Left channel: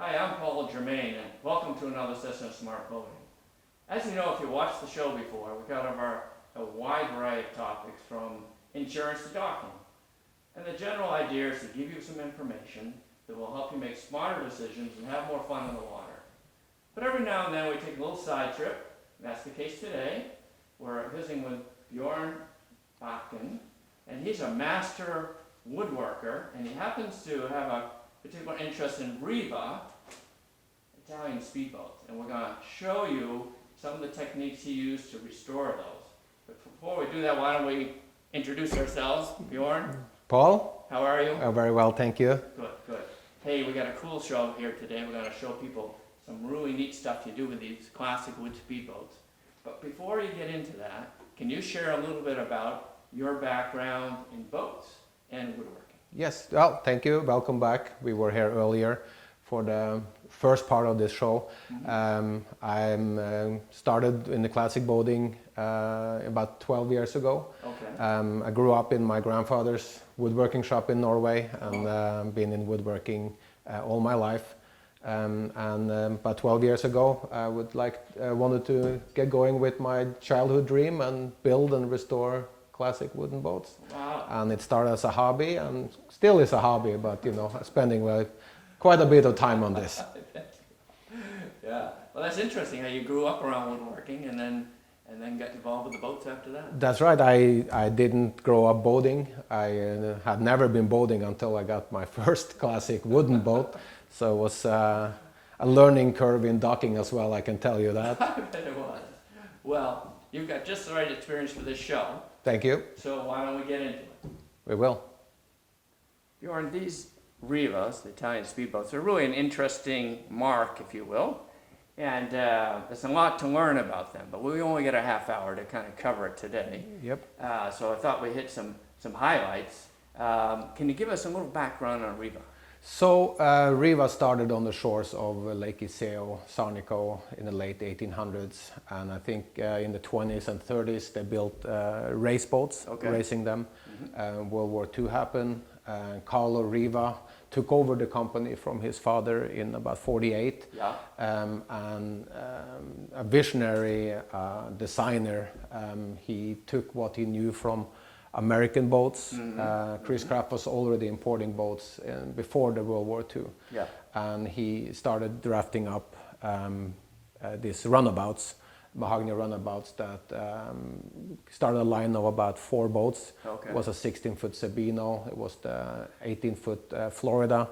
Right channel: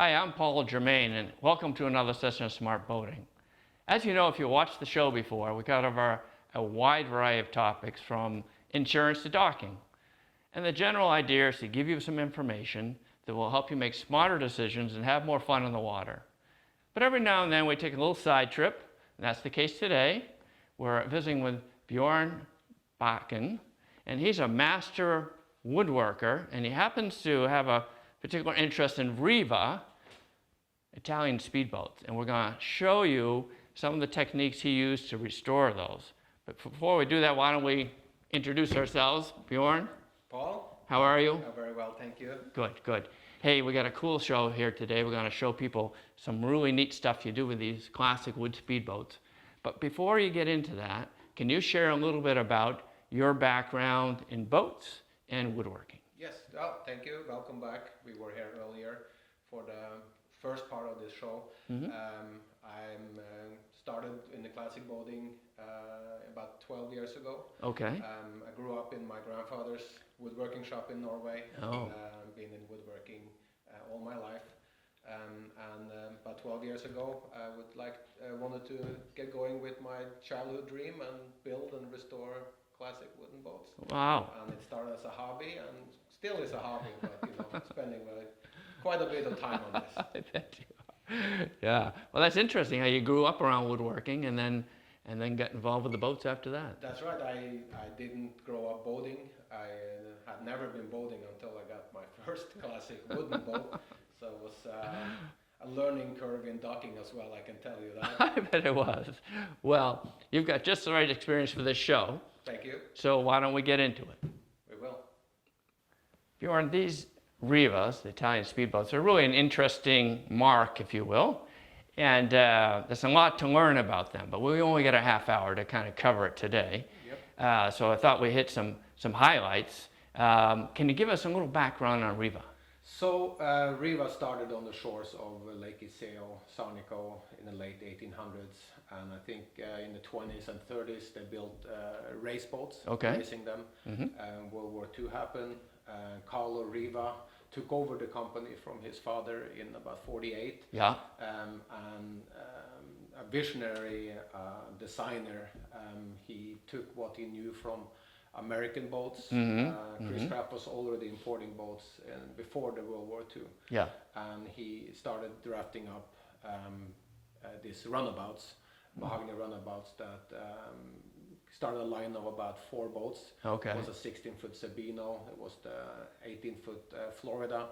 Hi, I'm Paul Germain, and welcome to another session of Smart Boating. As you know, if you watched the show before, we cover a wide variety of topics from insurance to docking. And the general idea is to give you some information that will help you make smarter decisions and have more fun in the water. But every now and then we take a little side trip, and that's the case today. We're visiting with Bjorn Bakken, and he's a master woodworker, and he happens to have a particular interest in Riva, Italian speedboats. And we're going to show you some of the techniques he used to restore those. But before we do that, why don't we introduce ourselves? Bjorn? Paul? How are you? Very well, thank you. Good, good. Hey, we got a cool show here today. We're going to show people some really neat stuff you do with these classic wood speedboats. But before you get into that, can you share a little bit about your background in boats and woodworking? Yes, well, thank you. Welcome back. We were here earlier for the first part of this show. I started in the classic boating about 12 years ago. Okay. I grew up in my grandfather's woodworking shop in Norway and been in woodworking all my life. About 12 years ago, I wanted to get going with my childhood dream and build and restore classic wooden boats. Wow. And it started as a hobby and still is a hobby, but spending quite a bit of time on this. Yeah. Well, that's interesting how you grew up around woodworking and then got involved with the boats after that. That's right. I didn't grow up boating. I had never been boating until I got my first classic wooden boat. So it was a learning curve in docking as well, I can tell you that. I bet it was. Well, you've got just the right experience for this show. Thank you. So why don't we get into it? We will. Bjorn, these Rivas, the Italian speedboats, are really an interesting mark, if you will. And there's a lot to learn about them, but we only get a half hour to kind of cover it today. Yep. So I thought we hit some highlights. Can you give us a little background on Riva? So Riva started on the shores of Lake Iseo, Sarnico in the late 1800s, and I think in the 20s and 30s they built race boats, racing them. World War II happened. Carlo Riva took over the company from his father in about 48. Yeah. A visionary designer, he took what he knew from American boats. Chris Craft was already importing boats before the World War II. Yeah. And he started drafting up these runabouts, mahogany runabouts that started a line of about 4 boats. Okay. It was a 16-foot Sabino, it was the 18-foot Florida,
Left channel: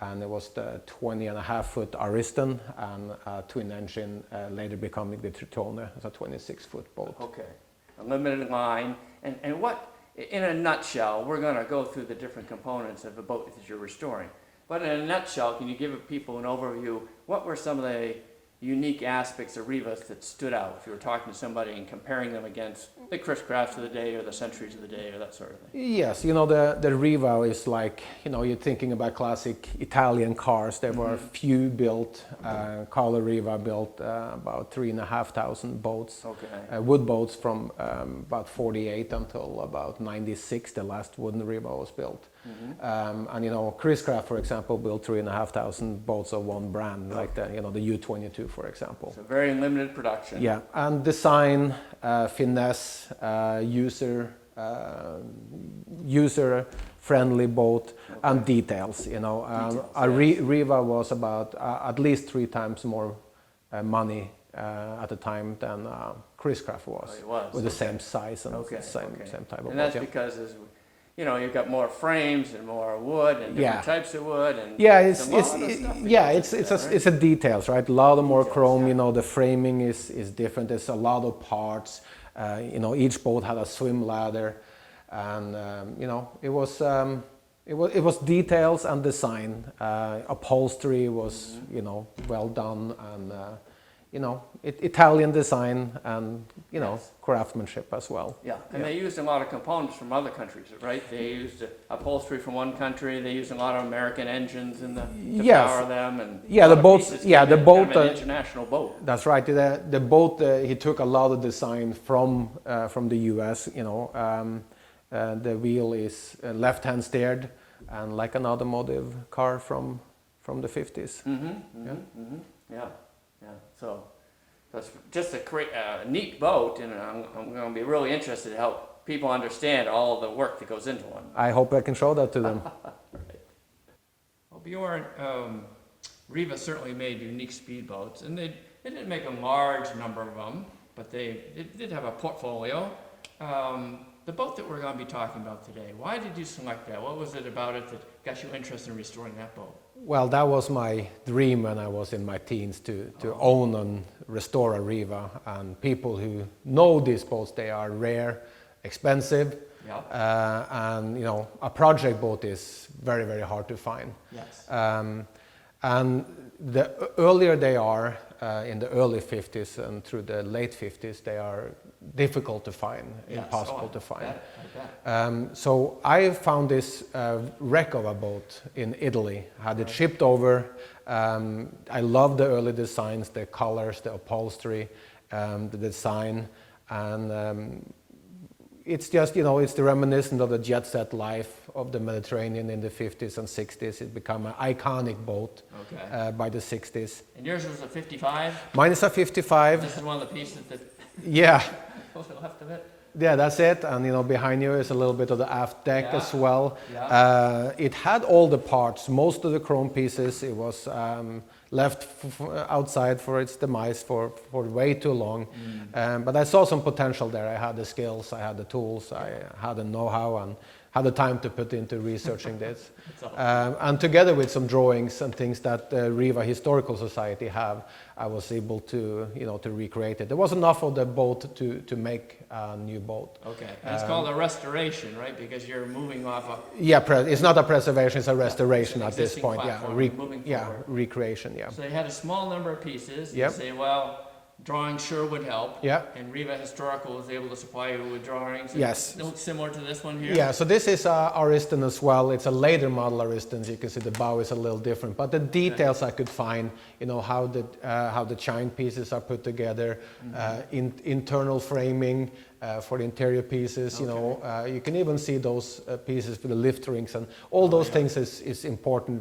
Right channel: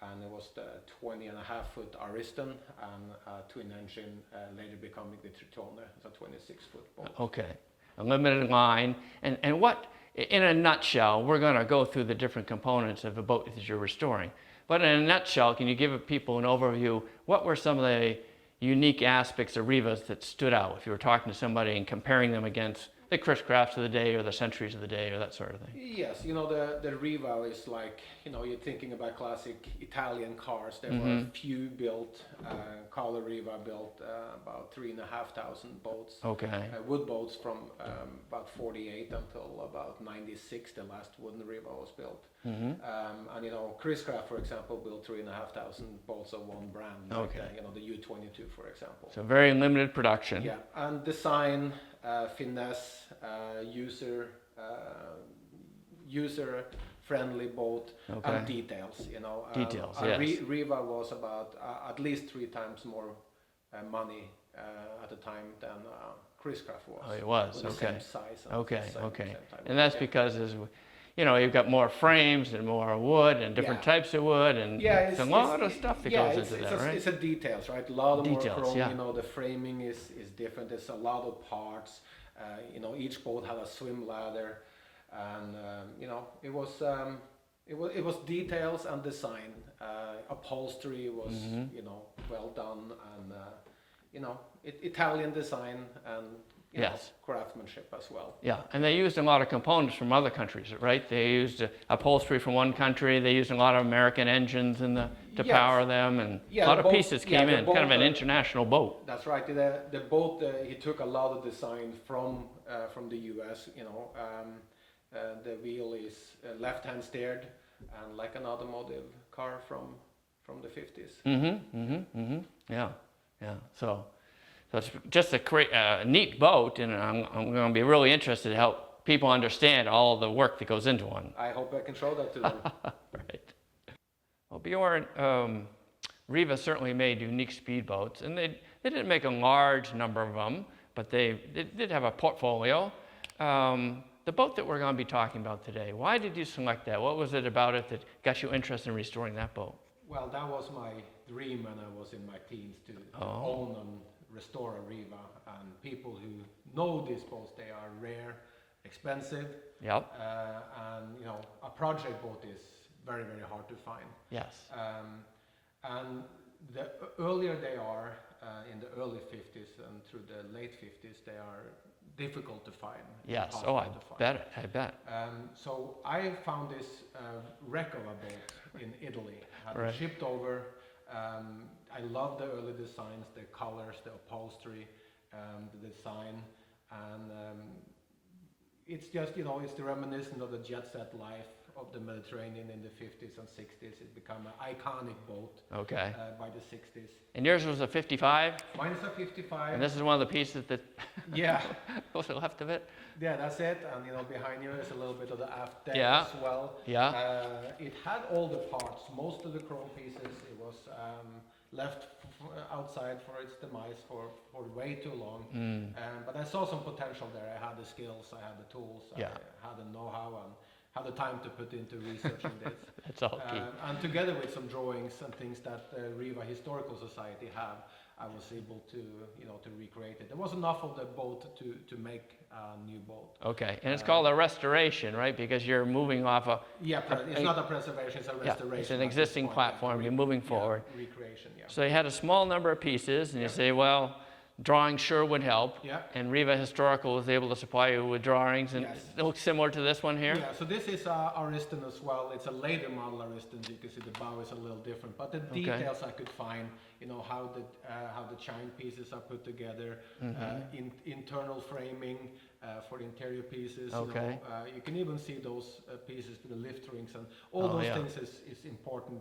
and it was the 20.5-foot Ariston, and a twin engine later becoming the Tritone, as a 26-foot boat. Okay. A limited line. And what, in a nutshell, we're going to go through the different components of a boat that you're restoring. But in a nutshell, can you give people an overview? What were some of the unique aspects of Rivas that stood out if you were talking to somebody and comparing them against the Chris Crafts of the day or the Centuries of the day or that sort of thing? Yes, the Riva is like, you're thinking about classic Italian cars. There were few built. Carlo Riva built about 3,500 boats. Okay. Wood boats from about 48 until about 96, the last wooden Riva was built. And Chris Craft, for example, built 3,500 boats of one brand, like the U-22, for example. So very limited production. Yeah, and design, finesse, user-friendly boat, and details. Riva was about at least 3 times more money at the time than Chris Craft was. Oh, it was. With the same size and same type of. And that's because you've got more frames and more wood and different types of wood and it's a details, right? A lot of more chrome. Yeah. The framing is different. There's a lot of parts. Each boat had a swim ladder, and it was details and design. Upholstery was well done, and Italian design and craftsmanship as well. Yeah, and they used a lot of components from other countries, right? They used upholstery from one country. They used a lot of American engines to power them, and the boat. The boat. Kind of an international boat. That's right. The boat. He took a lot of design from the U.S. The wheel is left-hand steered, and like an automotive car from from the 50s. Yeah, yeah. So it's just a neat boat, and I'm going to be really interested to help people understand all the work that goes into one. I hope I can show that to them. Right. Well, Bjorn, Riva certainly made unique speedboats, and they didn't make a large number of them, but they did have a portfolio. The boat that we're going to be talking about today, why did you select that? What was it about it that got you interested in restoring that boat? Well, that was my dream when I was in my teens to own and restore a Riva. And people who know these boats, they are rare, expensive, Yep. and you know, a project boat is very, very hard to find. Yes. And the earlier they are, in the early 50s and through the late 50s, they are difficult to find, Yes. impossible to find. I bet. So I found this wreck of a boat in Italy, had it Right. shipped over. I love the early designs, the colors, the upholstery, the design, and it's just, you know, it's the reminiscent of the jet set life of the Mediterranean in the 50s and 60s. It became an iconic boat Okay. by the 60s. And yours was a 55? Mine is a 55. This is one of the pieces that Yeah. goes to the left of it? Yeah, that's it. And you know, behind you is a little bit of the aft deck Yeah. as well. Yeah. It had all the parts, most of the chrome pieces. It was left outside for its demise for way too long. But I saw some potential there. I had the skills, I had the tools, I had the know-how, and had the time to put into researching this. That's all. And together with some drawings and things that the Riva Historical Society have, I was able to, you know, to recreate it. There was enough of the boat to make a new boat. Okay. And it's called a restoration, right? Because you're moving off a Yeah, it's not a preservation; it's a restoration an at this existing point. platform, Yeah, you're moving forward. Yeah, recreation. Yeah. So you had a small number of pieces. And Yep. You say, well, drawing sure would help. Yeah. And Riva Historical was able to supply you with drawings. And Yes. It looks similar to this one here. Yeah, so this is Ariston as well. It's a later model Ariston. So you can see the bow is a little different, but the details I could find, you know, how the chine pieces are put together, internal framing for the interior pieces. You know, you can even see those pieces with the lift rings, and all those things is important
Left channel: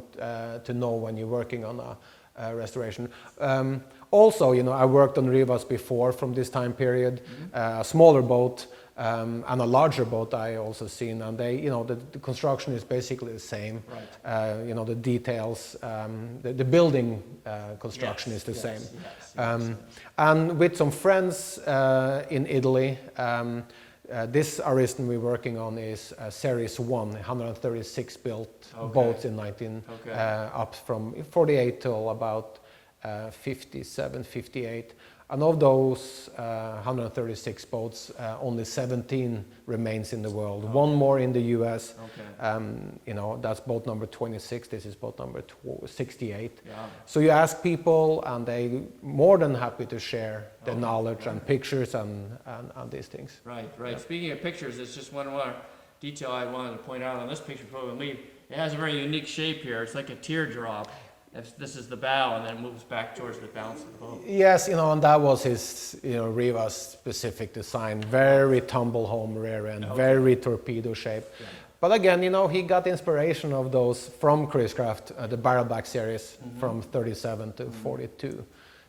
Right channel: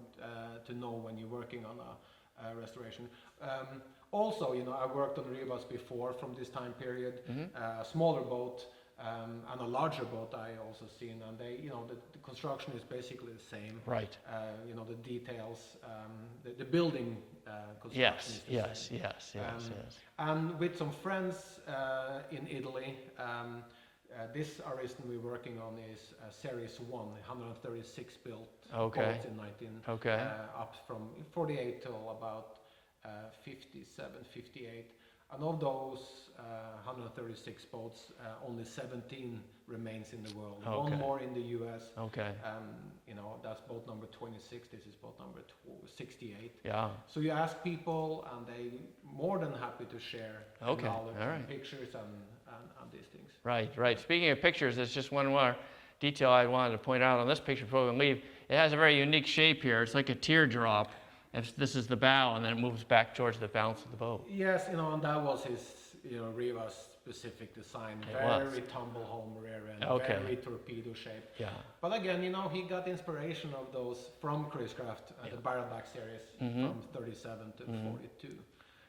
to know when you're working on a restoration. Also, you know, I worked on Rivas before from this time period, a smaller boat and a larger boat I also seen, and they, you know, the construction is basically the same. Right. You know, the details, the building construction is the same. Yes. And with some friends in Italy, this Ariston we're working on is Series 1, 136 built boats in 19, up from 48 till about 57, 58. And of those 136 boats, only 17 remains in the world. One more in the US. You know, that's boat number 26. This is boat number 68. Yeah. So you ask people, and they more than happy to share the knowledge and pictures and these things. Right. Speaking of pictures, there's just one more detail I wanted to point out on this picture before we leave. It has a very unique shape here. It's like a teardrop. This is the bow, and then it moves back towards the balance of the boat. Yes, you know, and that was his, you know, Riva's specific design. Very tumble home rear end, very torpedo shape. Yeah. But again, you know, he got inspiration of those from Chris Craft, the barrelback series from 37 to 42.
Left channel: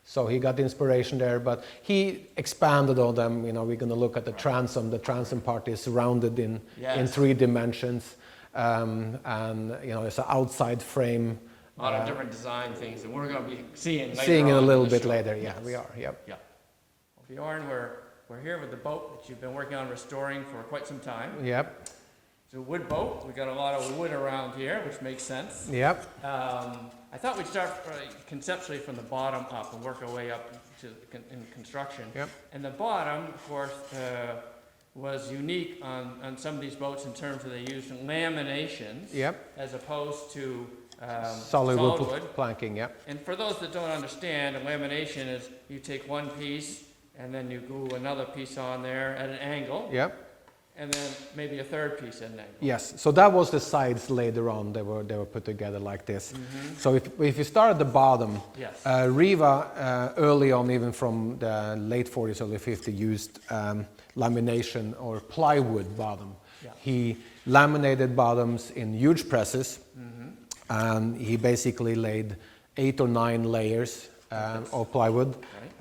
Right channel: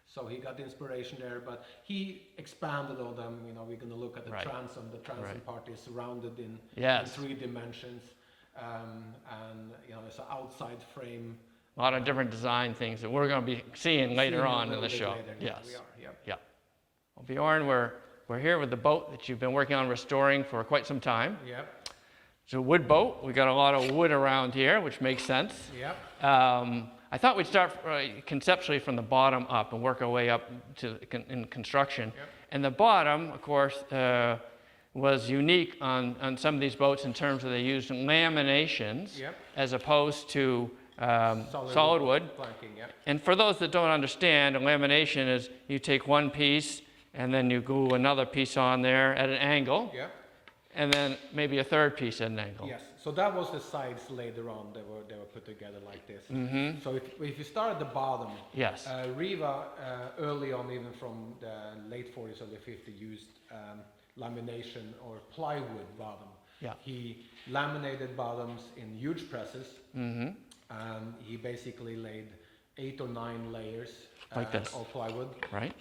So he got inspiration there, but he expanded on them. You know, we're going to look at the transom. The transom part is rounded in 3 dimensions, and you know, there's an outside frame. A lot of different design things that we're going to be seeing later on. Seeing it a little in the bit show. later, Yes. we are, yep. Yeah. Well, Bjorn, we're here with the boat that you've been working on restoring for quite some time. Yep. It's a wood boat. We got a lot of wood around here, which makes sense. Yep. I thought we'd start conceptually from the bottom up and work our way up to in construction. Yep. And the bottom, of course, was unique on some of these boats in terms of they used laminations as opposed to solid wood planking. Yeah. And for those that don't understand, a lamination is you take one piece and then you glue another piece on there at an angle. Yeah. And then maybe a third piece at an angle. Yes. So that was the sides later on. They were put together like this. So if you start at the bottom, Riva early on, even from the late 40s, early 50s, used lamination or plywood bottom. Yeah. He laminated bottoms in huge presses. and he basically laid 8 or 9 layers Like this. of plywood. Right.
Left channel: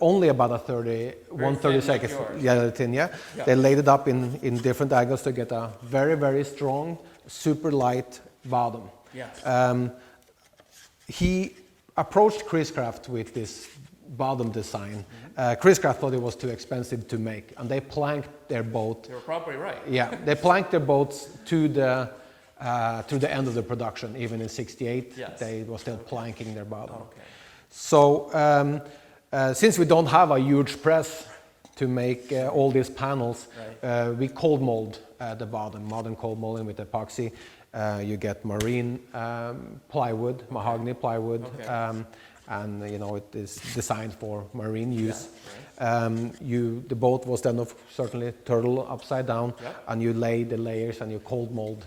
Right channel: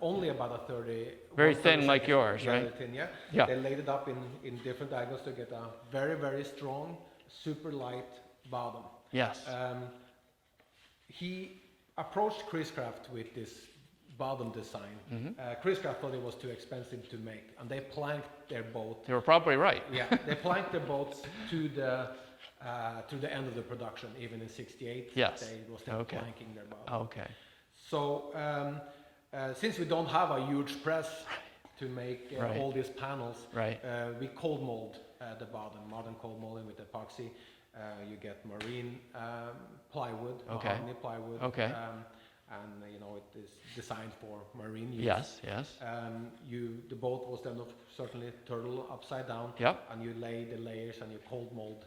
Only about a Very 1/32 thin like yours, Yeah, right? thin, yeah. Yeah. They laid it up in different angles to get a very, very strong, super light bottom. Yes. He approached Chris Craft with this bottom design. Chris Craft thought it was too expensive to make, and they planked their boat. You were probably right. Yeah, they planked their boats to the end of the production. Even in '68, Yes. they were still planking their bottom. Okay. So since we don't have a huge press to make all these panels, Right. we cold mold the bottom, modern cold molding with epoxy. You get marine plywood, mahogany plywood, Okay. and it is designed for marine use. Yes, yes. The boat was then certainly turtle upside down, Yep. and you lay the layers and you cold mold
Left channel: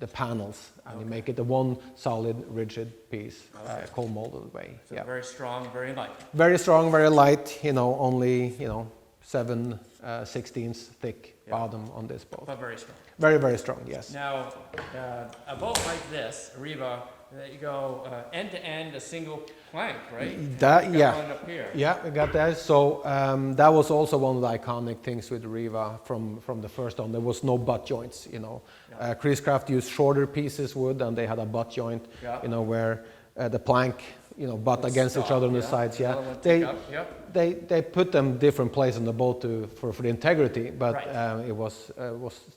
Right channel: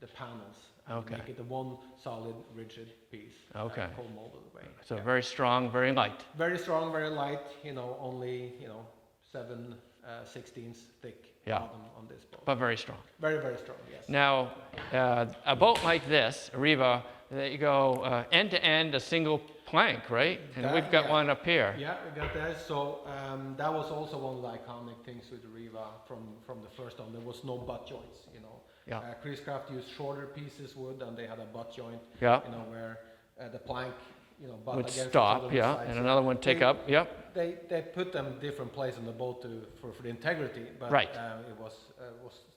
the panels, and you Okay. make it a one solid, rigid piece, Okay. cold molded way. So Yeah. very strong, very light. Very strong, very light. Only 7/16 thick Yeah. bottom on this boat. But very strong. Very, very strong. Yes. Now, a boat like this, a Riva, that you go end to end, a single plank, right? And That- we've got yeah. one up here. Yeah, we got that. So that was also one of the iconic things with Riva from the first on. There was no butt joints. Yeah. Chris Craft used shorter pieces wood, and they had a butt joint. Yeah. Where the plank, butt Would against each stop, other on the yeah, sides. and yeah. another one take They- up. Yep. They put them different places on the boat for the integrity, but Right. it was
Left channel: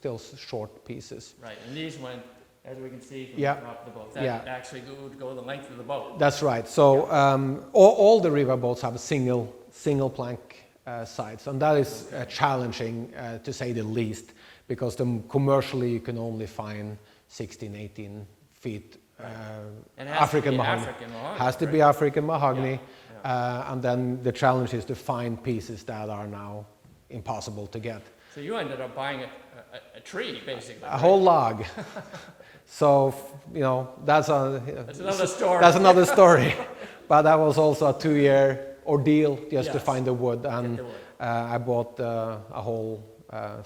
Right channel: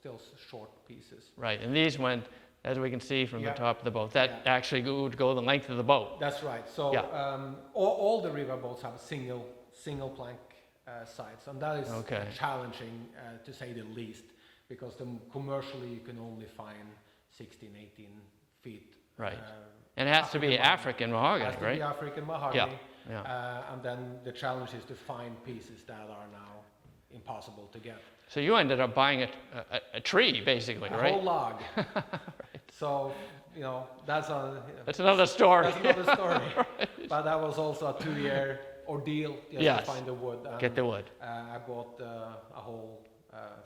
still short pieces. Right. And these went, as we can see from Yeah. the top of the boat, that Yeah. actually would go the length of the boat. That's right. So all the Riva boats have a single plank sides, and that is Okay. challenging to say the least, because commercially you can only find 16, 18 feet. Right. And it has to be mahogany. African mahogany. Has to right? be African mahogany, Yeah. and then the challenge is to find pieces that are now impossible to get. So you ended up buying a tree, basically. A right? whole log. So that's That's another story. That's another story. But that was also a 2-year ordeal just to Yes. find the wood. And Get the wood. I bought a whole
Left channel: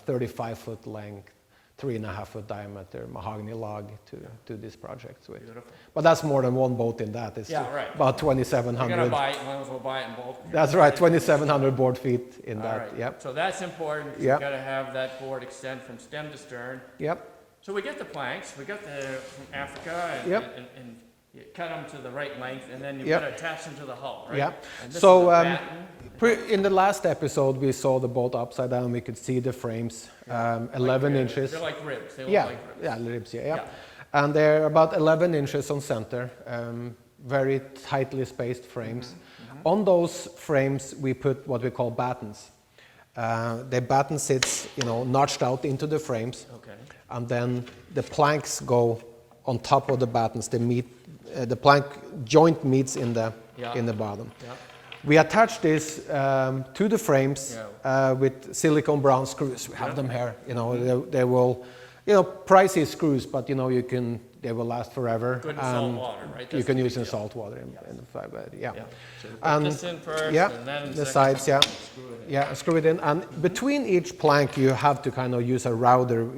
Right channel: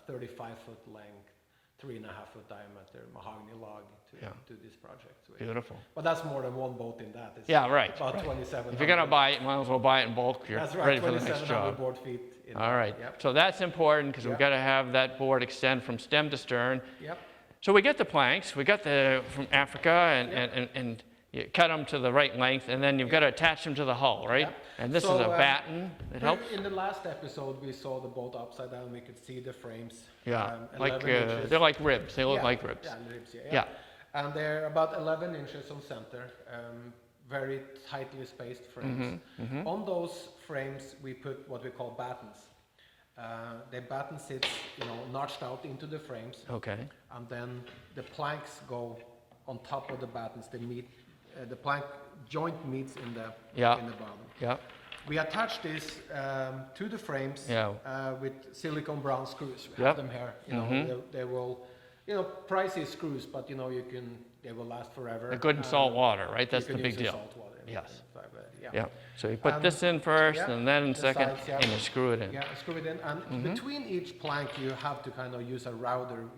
35-foot length, 3.5-foot diameter mahogany log to do this project with. Beautiful. But that's more than one boat in that. It's Yeah, right. about If you're 2,700. going to buy it, might as well buy it in bulk. You're That's right, ready to do this 2,700 job. board feet in All that. right. Yep. So that's important because Yep. we've got to have that board extend from stem to stern. Yep. So we get the planks, we got from Africa, Yep. and you cut them to the right length, and then you've Yep. got to attach them to the hull, right? Yep. And this So, is a batten. It helps- In the last episode, we saw the boat upside down. We could see the frames, 11 like, inches. They're like ribs. They look like ribs. Yeah, ribs, yeah. Yeah. And they're about 11 inches on center, very tightly spaced frames. On those frames, we put what we call battens. The batten sits, notched out into the frames, Okay. and then the planks go on top of the battens. They meet, the plank joint meets in the bottom. Yeah. We attach this to the frames with silicone brown screws. We have them here. They will, pricey screws, but they will last forever. Good in salt water, right? That's you can the use big in deal. salt water. Yes. Yeah. So you put this in first, and then the second, sides, and you screw it in. Yeah, screw it in, and between each plank you have to kind of use a router.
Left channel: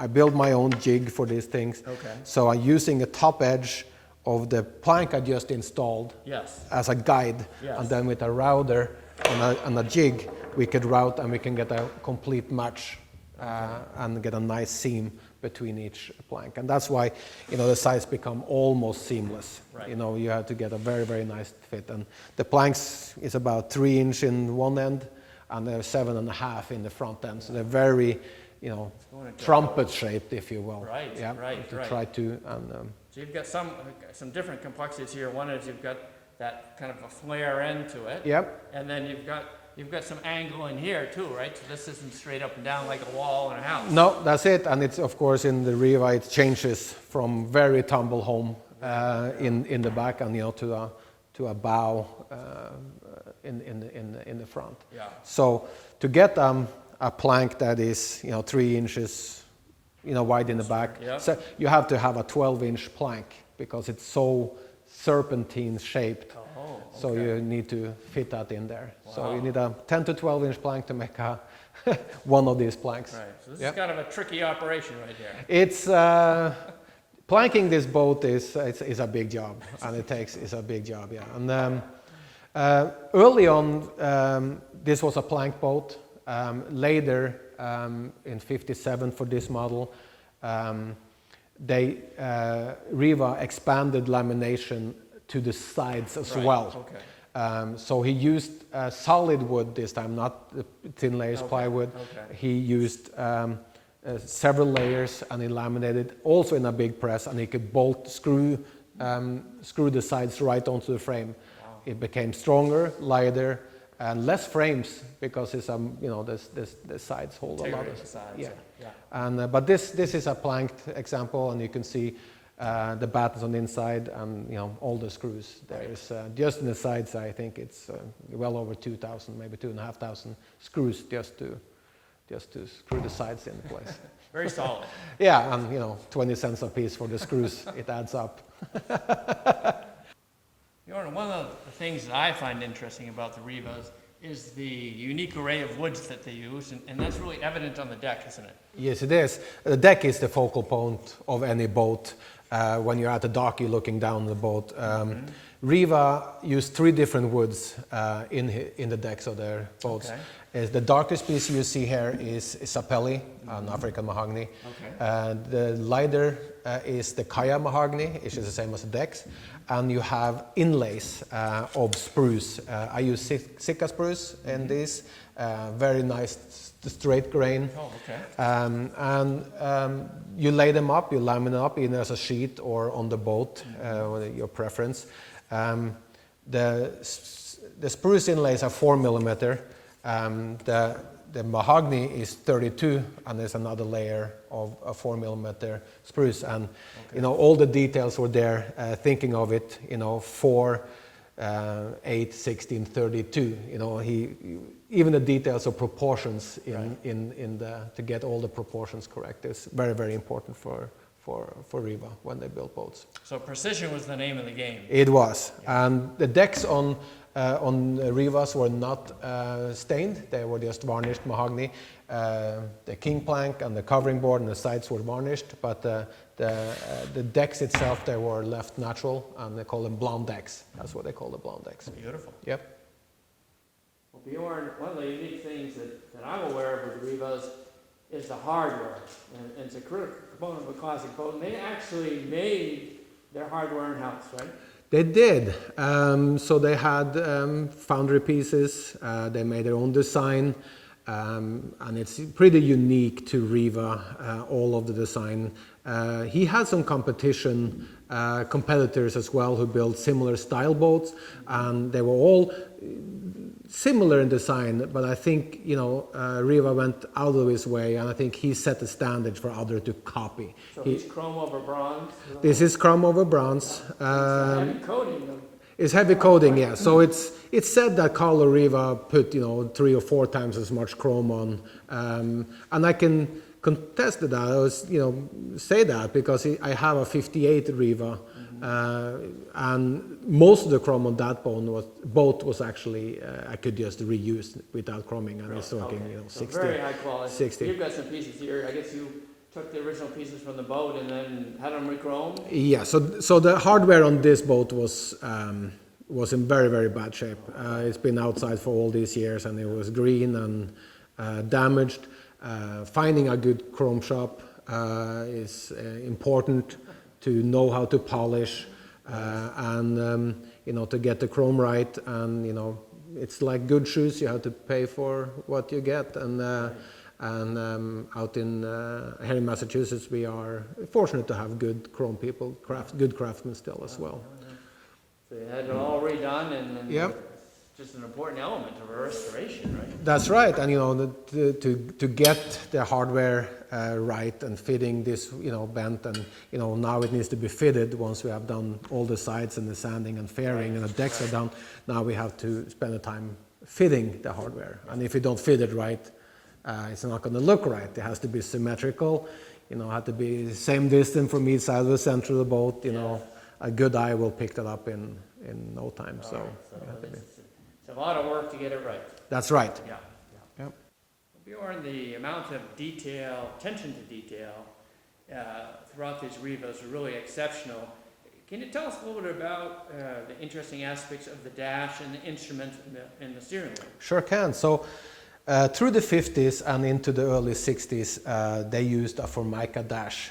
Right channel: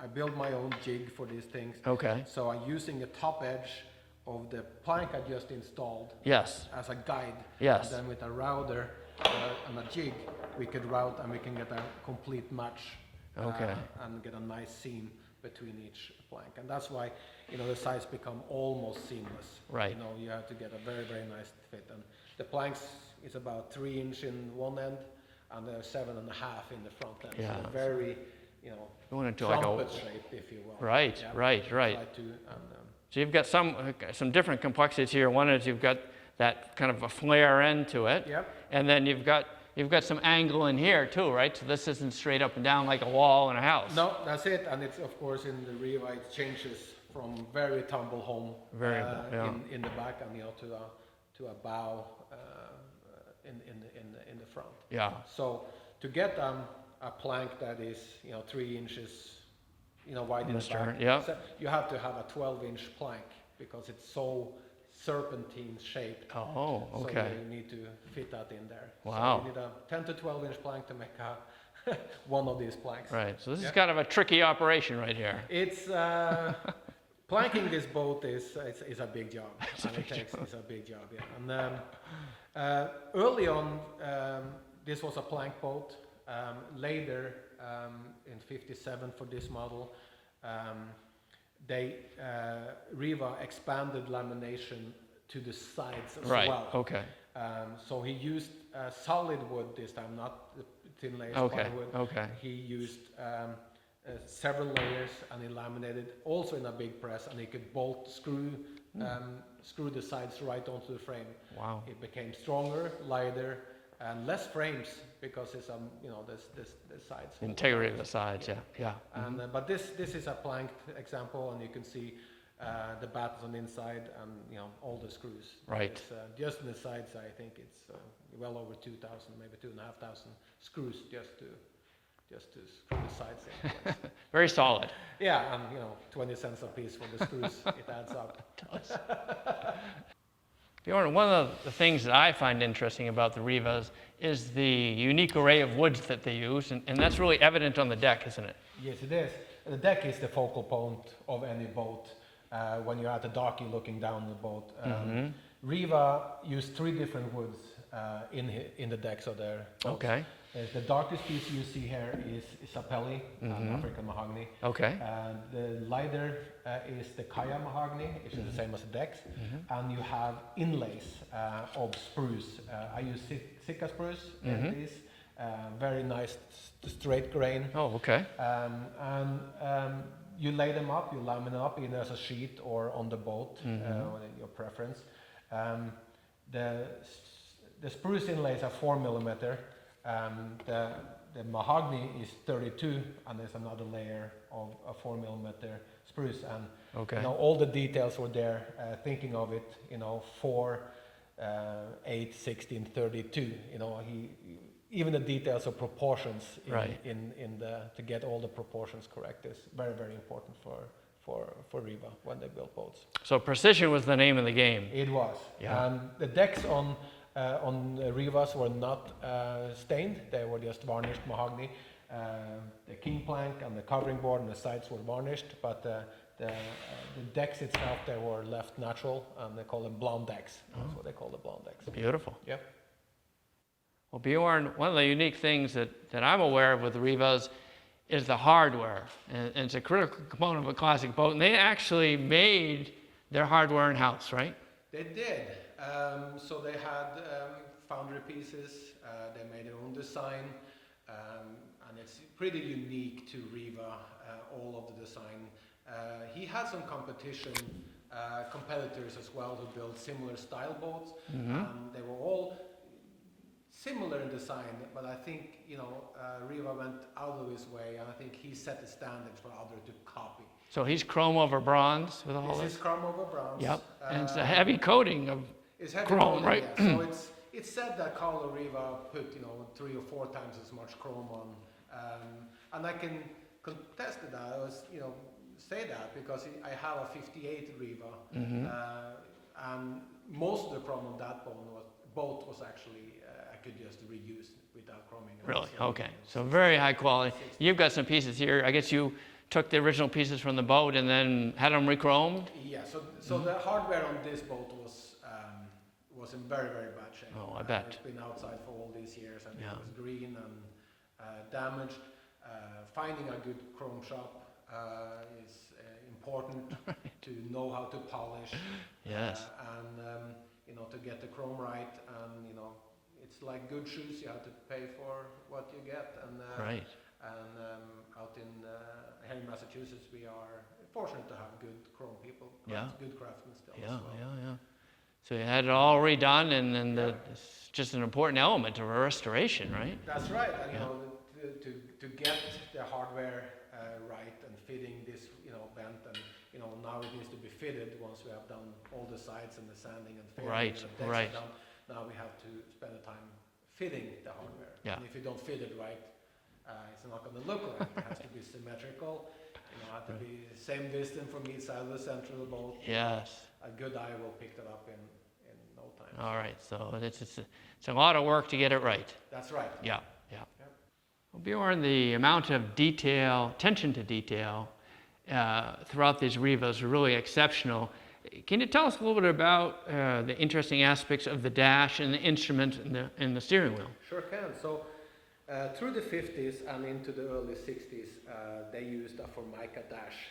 I build my own jig for these things. Okay. So I'm using a top edge of the plank I just installed Yes. as a guide, Yes. and then with a router and a jig, we could route and we can get a complete match and get a nice seam between each plank. And that's why, the sides become almost seamless. Right. You have to get a very, very nice fit. And the planks is about 3 inch in one end, and they're 7.5 in the front end. So they're very, Going into trumpet shaped, if you will. Right, Yeah, right, to right. Try to, So you've got some different complexities here. One is you've got that kind of a flare end to it. Yep. And then you've got some angle in here too, right? So this isn't straight up and down like a wall in a house. No, that's it. And it's, of course, in the Riva, it changes from very tumble home in the back and, to a bow in the front. Yeah. So to get a plank that is, 3 inches, wide in the back, yeah. so you have to have a 12-inch plank because it's so serpentine shaped. Oh, So okay. you need to fit that in there. So Wow. you need a 10 to 12-inch plank to make one of these planks. Right. So this Yep. is kind of a tricky operation right here. It's Planking this boat is a big job, and it's a big job, yeah. And early on, this was a plank boat. Later, in '57 for this model, Riva expanded lamination to the sides as well. Okay. So he used solid wood this time, not the thin layers plywood. Okay. He used several layers, and he laminated also in a big press, and he could screw the sides right onto the frame. Wow. It became stronger, lighter, and less frames because it's the sides hold Integrity of the sides. Yeah. And but this is a planked example, and you can see the battens on the inside, and all the screws. Right. Just in the sides, I think it's well over 2,000, maybe 2,500 screws just to screw the sides in place. Very solid. Yeah, and 20 cents a piece for the screws. It adds up. Bjorn, one of the things that I find interesting about the Rivas is the unique array of woods that they use, and that's really evident on the deck, isn't it? Yes, it is. The deck is the focal point of any boat. When you're at the dock, you're looking down the boat. Riva used 3 different woods in the decks of their boats. Okay. The darkest piece you see here is sapelli, an African mahogany. Okay. The lighter is the kaya mahogany, which is the same as the decks. And you have inlays of spruce. I use Sitka spruce in this. Very nice straight grain. Oh, okay. You lay them up, you laminate up either as a sheet or on the boat, your preference. The spruce inlays are 4 millimeter. The mahogany is 32, and there's another layer of a 4 millimeter spruce. And all the details were there, thinking of it, 4, 8, 16, 32. Even the details of proportions to get all the proportions correct is very, very important for Riva when they built boats. So precision was the name of the game. It was. Yeah. And the decks on Rivas were not stained. They were just varnished mahogany. The king plank and the covering board and the sides were varnished, but the decks itself, they were left natural, and they call them blonde decks. That's what they call the blonde decks. Beautiful. Yep. Well, Bjorn, one of the unique things that I'm aware of with the Rivas is the hardware. And it's a critical component of a classic boat. And they actually made their hardware in-house, right? They did. So they had foundry pieces. They made their own design. And it's pretty unique to Riva, all of the design. He had some competitors as well who built similar style boats. And they were all similar in design, but I think Riva went out of his way, and I think he set the standard for others to copy. So he's chrome over bronze. This is chrome over bronze. Yep. It's a heavy coating. It's heavy chrome, coating, right? yeah. So it's said that Carlo Riva put 3 or 4 times as much chrome on, and I can contest that. I was say that because I have a '58 Riva, and most of the chrome on that boat was actually I could just reuse without chroming. Really? Okay. So 60, very high quality. 60. You've got some pieces here. I guess you took the original pieces from the boat and then had them re-chromed? Yeah. So the hardware on this boat was in very, very bad shape. It's been outside for all these years, and it was green and damaged. Finding a good chrome shop is important to know how to polish, and to get the chrome right. And it's like good shoes; you have to pay for what you get. And out in here in Massachusetts, we are fortunate to have good chrome people, good craftsmen still as well. So you had it all redone, and Yep. it's just an important element of a restoration, right? That's right, and to get the hardware right and fitting this bent, and now it needs to be fitted once we have done all the sides and the sanding and fairing and the decks are done. Now we have to spend the time fitting the hardware, and if you don't fit it right, it's not going to look right. It has to be symmetrical, have to be same distance from each side of the center of the boat. A good eye will pick that up in no time. All right, so it's a lot of work to get it right. That's right. Yeah. Yep. Well, Bjorn, the amount of detail, attention to detail, throughout these Rivas are really exceptional. Can you tell us a little bit about the interesting aspects of the dash and the instrument and the steering wheel? Sure can. So through the 50s and into the early 60s, they used a Formica dash.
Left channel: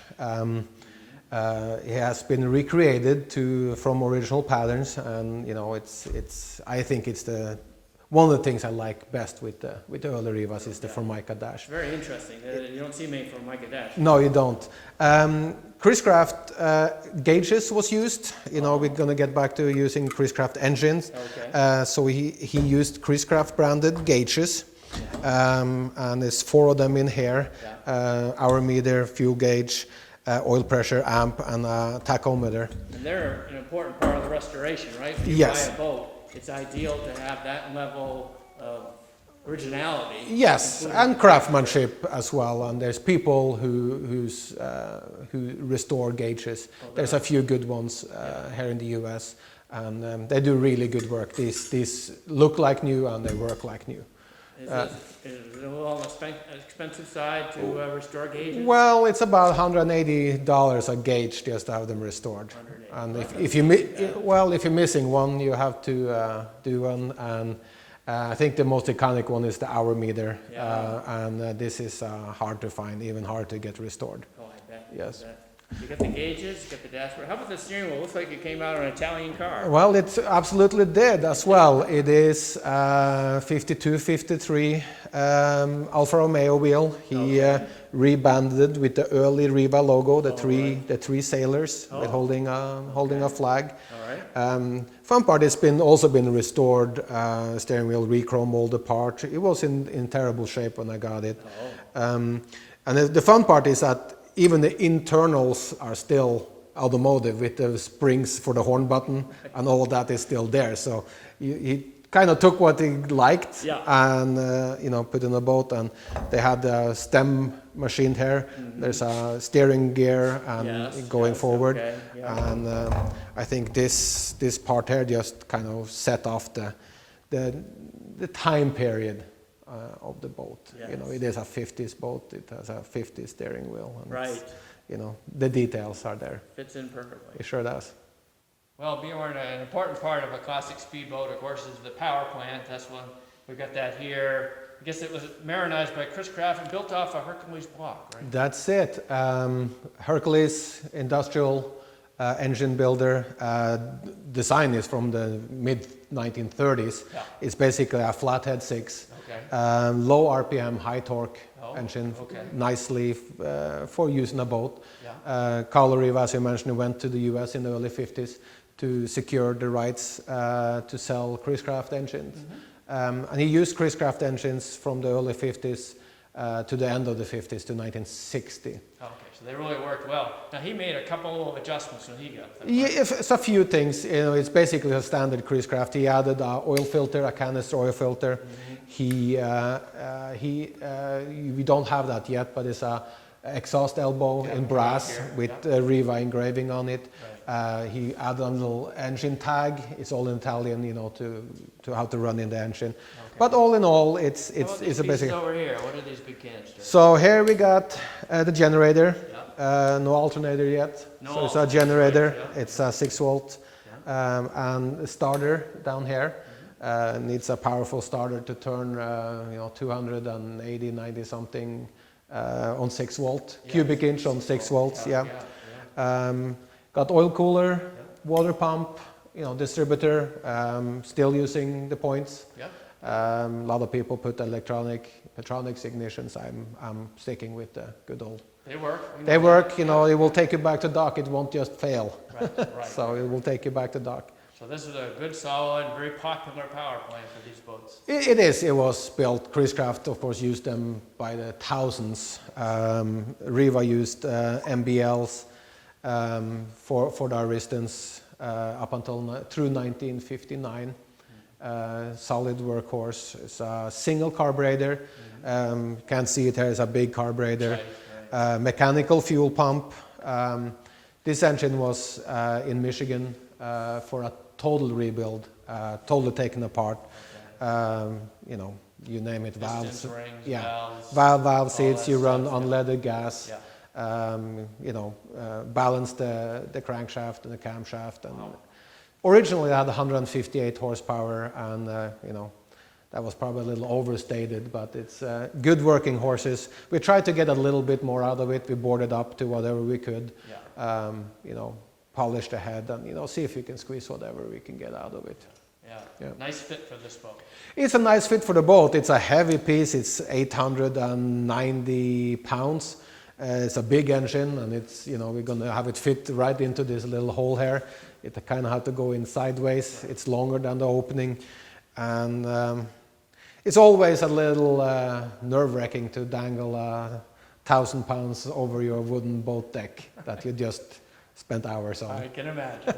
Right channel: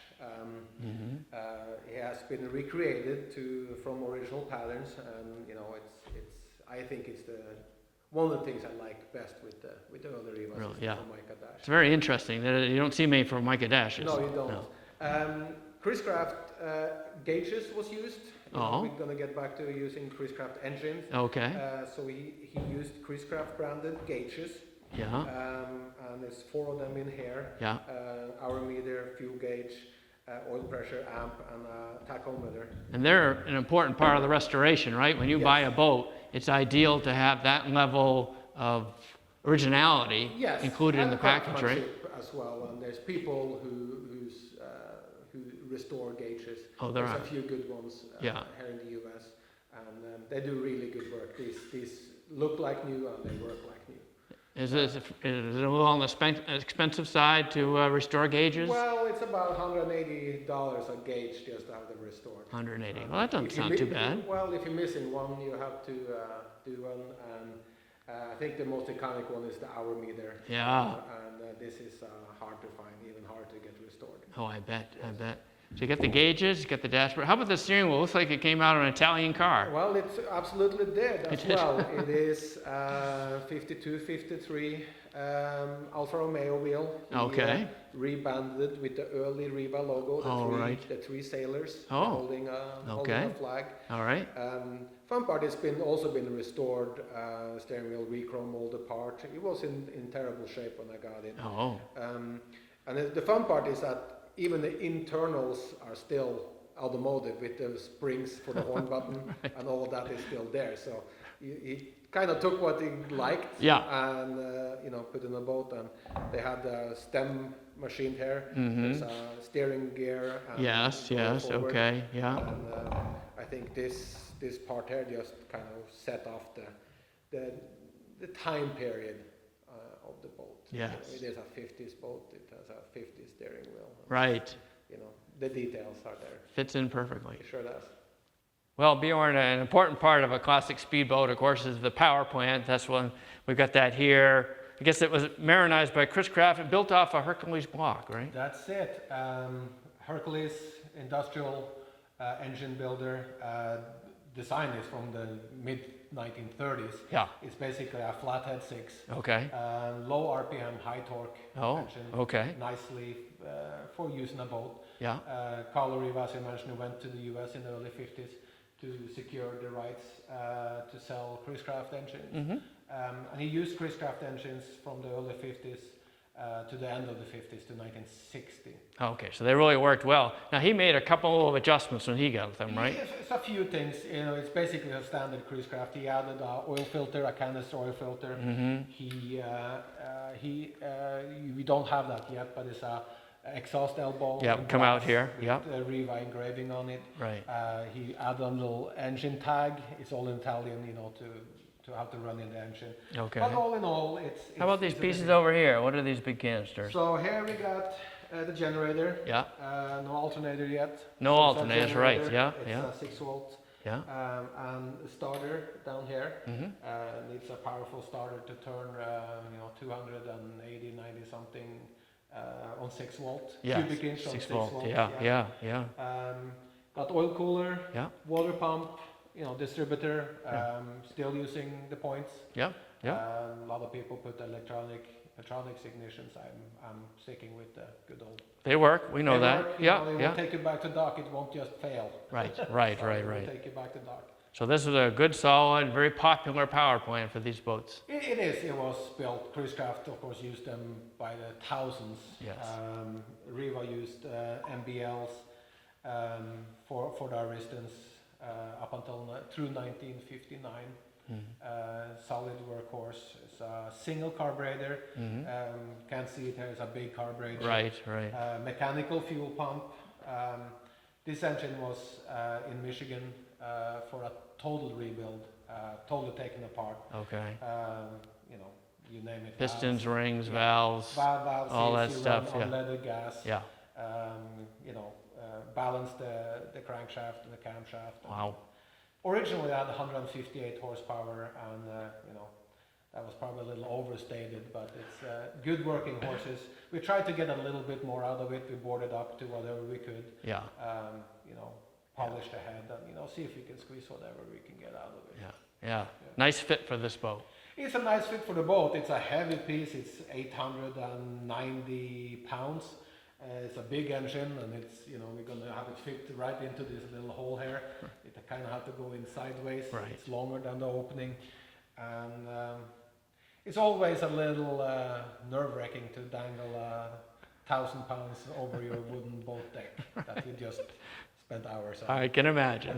It has been recreated from original patterns, and I think it's one of the things I like best with the early Rivas is the Formica dash. It's very interesting. You don't see many Formica dash. No, you don't. Chris-Craft gauges was used. We're going to get back to using Chris-Craft engines. Okay. So he used Chris-Craft branded gauges. And there's 4 of them in here. Hour meter, fuel gauge, oil pressure, amp, and a tachometer. And they're an important part of the restoration, right? When you buy a boat, it's ideal to have that level of originality. Yes, and craftsmanship as well. And there's people who restore gauges. There's a few good ones here in the U.S. and they do really good work. These look like new and they work like new. Is it a little on the expensive side to restore gauges? Well, it's about $180 a gauge just to have them restored. 180. And well, if you're missing one, you have to do one. And I think the most iconic one is the hour meter. And this is hard to find, even hard to get restored. Oh, I bet. Yes. I bet. So you got the gauges, you got the dashboard. How about the steering wheel? Looks like it came out of an Italian car. Well, it absolutely did as well. It is 52, 53 Alfa Romeo wheel. He rebanded with the early Riva logo, the three sailors holding a flag. All right. Fun part, it's also been restored. Steering wheel rechrome molded part. It was in terrible shape when I got it. And the fun part is that even the internals are still automotive with the springs for the horn button and all that is still there. So he kind of took what he liked and put in a boat, and they had the stem machined here. There's a steering gear and going forward. Okay. And I think this part here just kind of set off the time period of the boat. It is a 50s boat. It has a 50s steering wheel. Right. The details are there. Fits in perfectly. It sure does. Well, Bjorn, an important part of a classic speedboat, of course, is the power plant. That's one. We've got that here. I guess it was marinized by Chris-Craft and built off a Hercules block, right? That's it. Hercules industrial engine builder. Design is from the mid-1930s. It's basically a flathead 6. Okay. Low RPM, high torque engine. Okay. Nicely for use in a boat. Carlo Riva, as you mentioned, went to the US in the early 50s to secure the rights to sell Chris-Craft engines. And he used Chris-Craft engines from the early 50s to the end of the 50s to 1960. Okay, so they really worked well. Now he made a couple of adjustments when he got them, right? It's a few things. It's basically a standard Chris-Craft. He added an oil filter, a canister oil filter. We don't have that yet, but it's a exhaust elbow in brass with Riva engraving on it. Right. He added a little engine tag. It's all in Italian, to how to run in the engine. Okay. But all in all, it's How about these pieces over here? What are these big canisters? So here we got the generator. No alternator yet. No so it's a generator. Right. It's a 6 volt. And a starter down here. Needs a powerful starter to turn 280, 90 something on 6 volt. Cubic inch on 6 volts. Got oil cooler, water pump, distributor, still using the points. A lot of people put electronics ignitions. I'm sticking with the good old. They work. We know they that. work. It will take you back to dock. It won't just fail. Right. So it will take you back to dock. So this is a good, solid, very popular power plant for these boats. It is. It was built. Chris-Craft, of course, used them by the thousands. Riva used MBLs for the Aristans up until through 1959. Solid workhorse. It's a single carburetor. Can't see it here. It's a big carburetor. Right. Mechanical fuel pump. This engine was in Michigan for a total rebuild, totally taken apart. You name it. Pistons, valves, rings, valves. Valve seats. You run stuff, unleaded gas. balance the crankshaft and the camshaft. And Wow. originally, it had 158 horsepower, and that was probably a little overstated, but it's good working horses. We tried to get a little bit more out of it. We bored it up to whatever we could. Yeah. Polish the head and see if we can squeeze whatever we can get out of it. Yeah. Nice fit for this boat. It's a nice fit for the boat. It's a heavy piece. It's 890 pounds. It's a big engine, and it's we're gonna have it fit right into this little hole here. It kind of had to go in sideways. Right. It's longer than the opening, and it's always a little nerve-wracking to dangle 1,000 pounds over your wooden boat deck that you just spent hours on. I can imagine.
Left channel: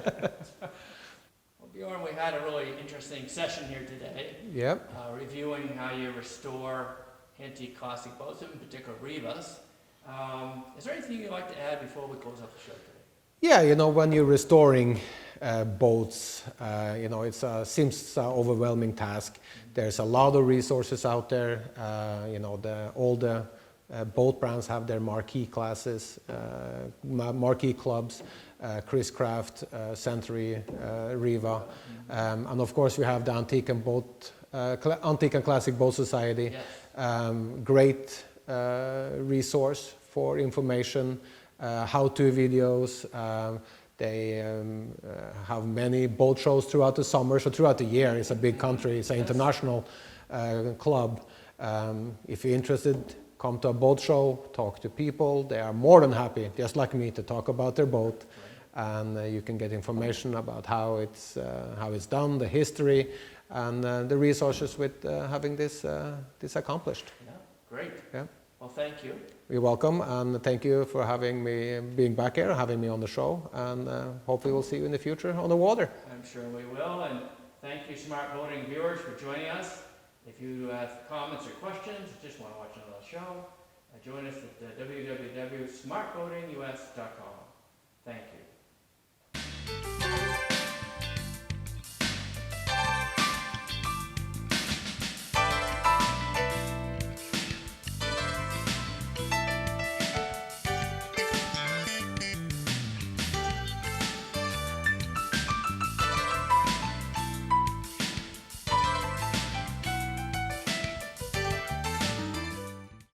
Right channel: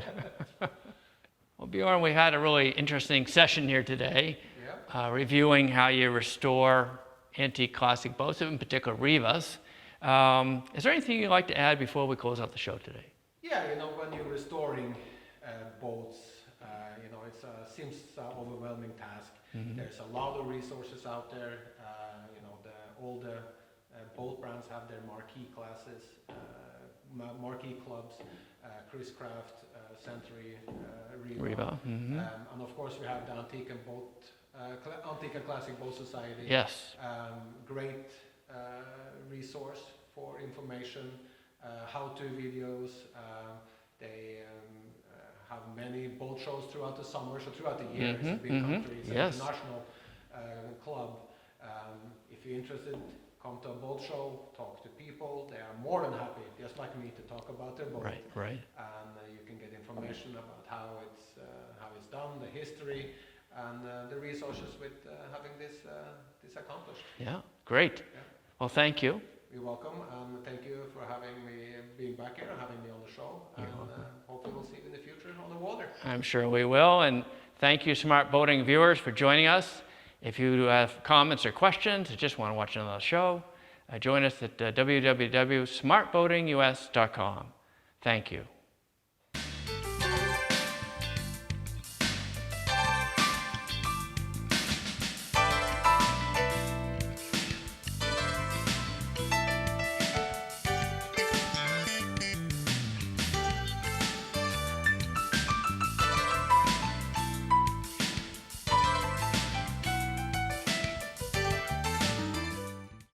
Well, Bjorn, we had a really interesting session here today. Yep. Reviewing how you restore antique classic boats, in particular Rivas. Is there anything you'd like to add before we close out the show today? Yeah, when you're restoring boats, it seems an overwhelming task. Mm-hmm. There's a lot of resources out there. All the boat brands have their marquee classes, marquee clubs, Chris Craft, Century, Riva. Mm-hmm. And of course we have the Antique and Classic Boat Society. Yes. Great resource for information, how-to videos. They have many boat shows throughout the summer, so throughout the year. It's a big country, it's an international club. If you're interested, come to a boat show, talk to people. They are more than happy, just like me, to talk about their boat. Right. And you can get information about how it's done, the history, and the resources with having this accomplished. Yeah, great. Yeah. Well, thank you. You're welcome, and thank you for having me, being back here, having me on the show, and hopefully we'll see you in the future on the water. I'm sure we will, and thank you, Smart Boating viewers, for joining us. If you have comments or questions, or just want to watch another show, join us at www.smartboatingus.com. Thank you.